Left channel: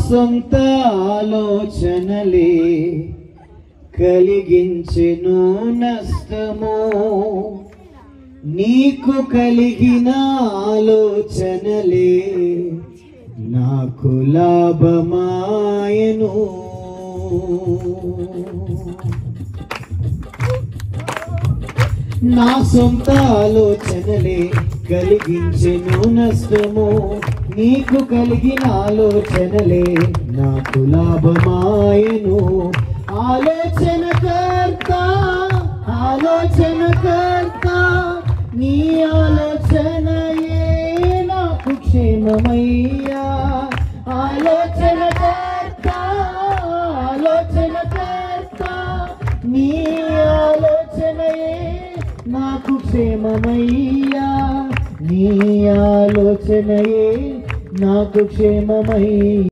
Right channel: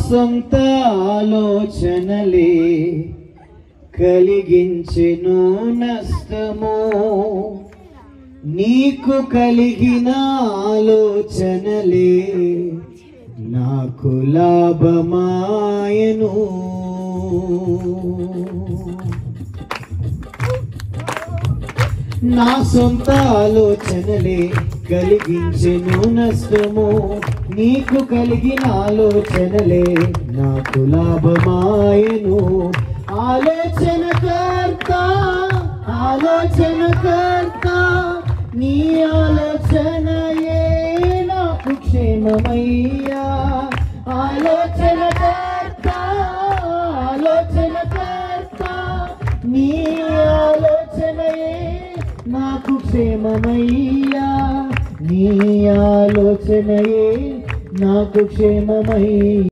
సొంత ఆలోచనలే కలిగించెను నష్టము, నీకు కలిగిన ఆలోచనలే నాకు లాభమాయను. నా సొంత ఆలోచనలే కలిగించెను నష్టము, నీకు కలిగిన ఆలోచనలే నాకు లాభమాయను. ఆలోచనకర్త ఆలోచనకర్త నీ ఆలోచనలే నాకు క్షేమమయ్యా. ఆలోచనకర్త ఆలోచనకర్త నీ ఆలోచనలే నాకు క్షేమమయ్యా. నీ ఆలోచనయే నాకు క్షేమమయ్యా.